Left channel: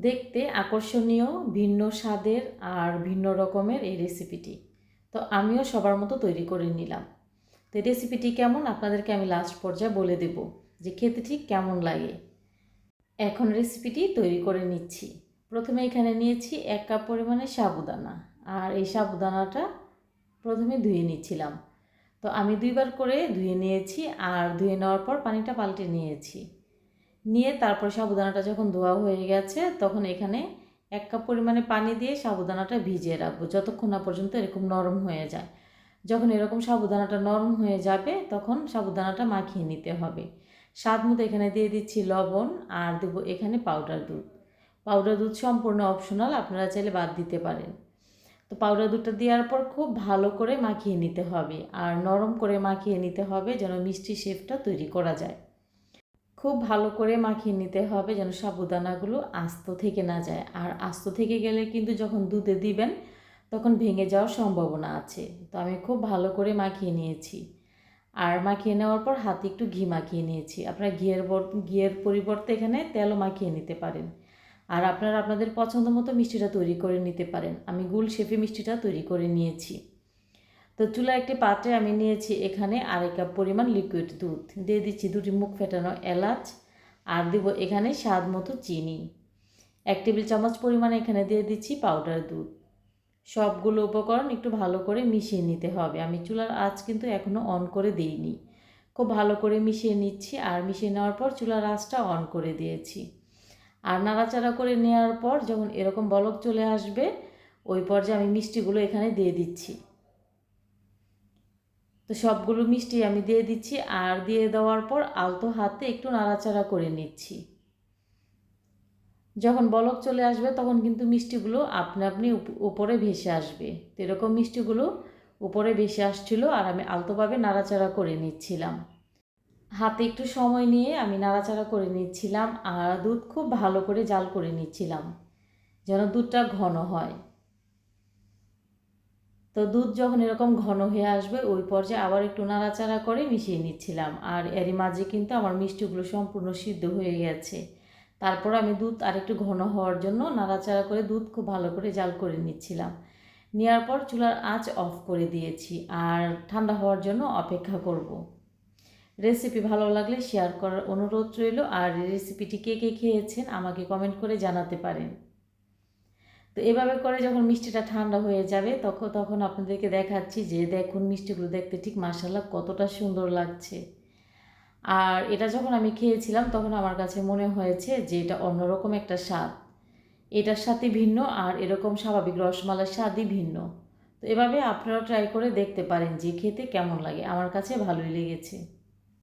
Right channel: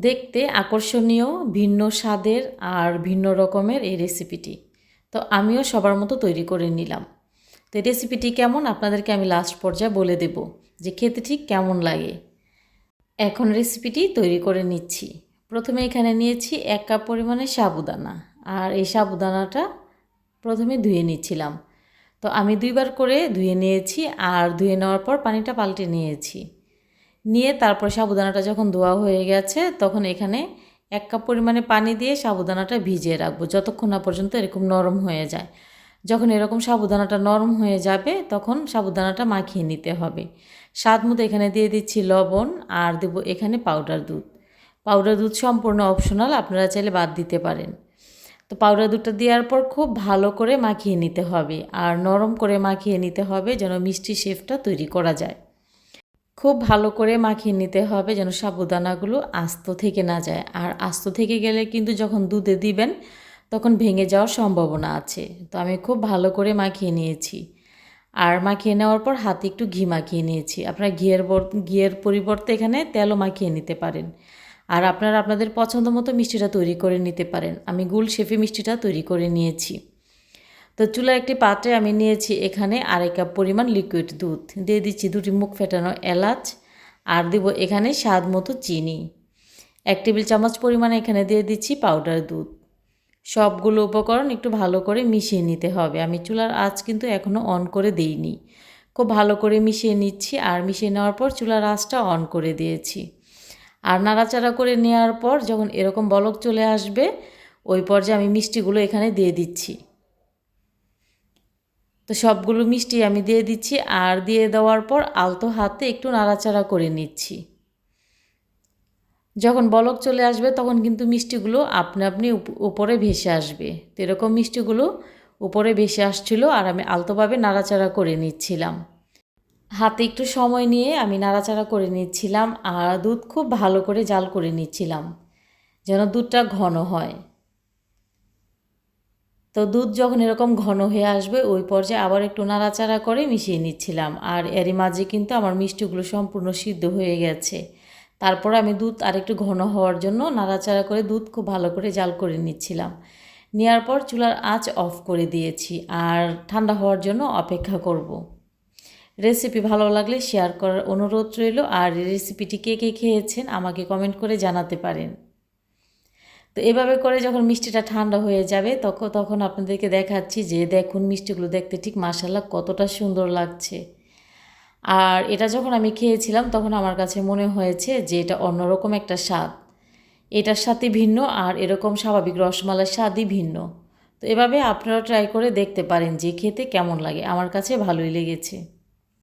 দেখতে আকর্ষণীয়, ভিন্ন স্বাদের আর ভিন্ন রকমের এই রেসিপিটি তো আমিও সবার মতো তৈরি করে নিলাম। তো এই রেসিপিটি কেমন? আপনাদেরকে আমি লাস্ট পর্যায়ে বলে দেব যে খেতে ঠিক কেমন লাগে। এখন রেসিপিটি তৈরি করে নিচ্ছি। প্রথমে এখানে নিয়েছি এক কাপ পরিমাণে সাবুদানা। আর এই সাবুদানাটা প্রথমে ধুয়ে নিচ্ছিলাম। তো আমি দুইবার করে ধুয়ে নিয়েছি আর ধুয়ে নেওয়ার পর পানিটা পাল্টে নিয়েছি। নিয়ে তারপর সাবুদানাটা যখন ধোয়া হয়ে গেছে, তখন এখানে এক কাপ পরিমাণে পানি দিয়ে সাবুদানাটা ভিজিয়ে রাখব যতক্ষণ না পর্যন্ত এরকম নরম হয়ে যায়। যখন এরকম সাবুদানাটা নরম হয়ে যাবে, তখন সাবুদানাটা মাখিয়ে নিতে হবে। স্বাদ মতো এখানে দিয়ে দিচ্ছি লবণ আর দেবো এখানে পাউডার দুধ। পাউডার দুধ সম্পূর্ণ অপশনাল, আপনারা চাইলে বাদ দিতে পারেন। তো পাউডার দুধটা দেওয়ার পর খুব ভালো করে মাখিয়ে নিতে হবে আর নরম করে মাখিয়ে নিতে হবে যেন মিষ্টি শেফটা তৈরি করা যায়। খুব ভালো করে মাখিয়ে নিতে হবে যেন সাবুদানাগুলো আস্ত থেকে না যায়। আর আস্ত থেকে গেলে কিন্তু যখন দুধে দিবেন, তখন ভেঙে যাওয়ার সম্ভাবনা আছে। তো আমি খুব ভালো করে মাখিয়ে নিয়েছি। আর মাখিয়ে নেওয়ার পর হাতে একটু ঘি মাখিয়ে নিয়েছি। আপনারা ঘিয়ের ঘিয়ের পরিবর্তে এখানে তেলও মাখিয়ে নিতে পারেন। আর আপনারা আপনাদের পছন্দ মতো মিষ্টিটা তৈরি করে নিতে পারেন। আমি গুল শেফে মিষ্টিটা তৈরি করে নিয়েছি। তো চুলার একটি পাত্রে আমি নিয়েছি এখানে আড়াই কাপ পরিমাণ লিকুইড দুধ। দিয়ে দিচ্ছি দুটি মুখ ফেটানো এলাচ আর দিব এখানে স্বাদ মতো চিনি। এক টেবিল চামচ পরিমাণে এখানে দিয়ে দিচ্ছি পাউডার দুধ। সবগুলো উপকরণ একটু ভালো করে মিশিয়ে নিতে হবে। আমি চুলার আঁচ কিন্তু এখনও অন করে দিইনি। খুব ভালো করে মিশিয়ে নিচ্ছি আর মিশিয়ে নেওয়ার পর চুলার আঁচটা অন করে দিয়েছি। আর নাড়াচাড়া করে নেওয়ার পর যখন এরকম বলক চলে আসবে, ওই পর্যায়ে আমি মিষ্টিগুলো এখানে দিয়ে দিচ্ছি। তো সবগুলো মিষ্টি আমি দিয়ে দিচ্ছি আর দিয়ে দেওয়ার পর আলতো হাতে একটু নাড়াচাড়া করে নিচ্ছি। যখন বলক চলে আসবে তখন কিন্তু মিষ্টিগুলো আপনি আপনি উপরে ভেসে আসবে। তো এরকম মিষ্টিগুলো উপরে ভেসে আসছিল আর আমি আলতোভাবে নাড়াচাড়া করে নিচ্ছিলাম। হাতে একটু সময় নিয়ে আমি নাড়াচাড়া করে নিচ্ছিলাম আর দুধ খুব ভালো করে জাল করে নিচ্ছিলাম, যেন দুধটা ঘন হয়। তো দুধ যখন এরকম ঘন হয়ে আসবে, ওই পর্যায়ে আবার একটু নাড়াচাড়া করে মিশিয়ে নিচ্ছিলাম। আর এরই মাঝে কিন্তু আমার মিষ্টিগুলো সম্পূর্ণ সিদ্ধ হয়ে গেছে। তারপর আমি দুধ আরেকটু ঘন হওয়ার জন্য নাড়াচাড়া করে দুধ খুব ভালো করে জাল করে নিচ্ছিলাম। নেওয়ার পর চুলার আঁচ অফ করে দিয়েছি আর ঠান্ডা হওয়ার জন্য অপেক্ষা করব। রেসিপি ভালো লাগলে শেয়ার করার অনুরোধ রইল। আর রেসিপিটি কে কে খেয়েছেন আমাকে কমেন্ট করে জানাতে পারেন। তো এভাবে করে যখন মিষ্টিটা ঠান্ডা হয়ে যাবে তখন তখন আপনাদেরকে দেখাচ্ছি যে দেখুন মিষ্টিগুলো দেখতে ঠিক মাসাল্লাহ কতটা সুন্দর লাগছে। আর এটা যখন আমি খেয়েছিলাম, তখন আমার কাছে মনে হয়েছে যে এটা অন্যরকম একটা স্বাদ। এটার সাথে ভিন্ন আর এরকম স্বাভাবিক রসমালার স্বাদই ভিন্ন। তো এভাবে আপনারা ট্রাই করে দেখতে পারেন যে খেতে কেমন লাগে। আমার কাছে ভালোই লেগেছে।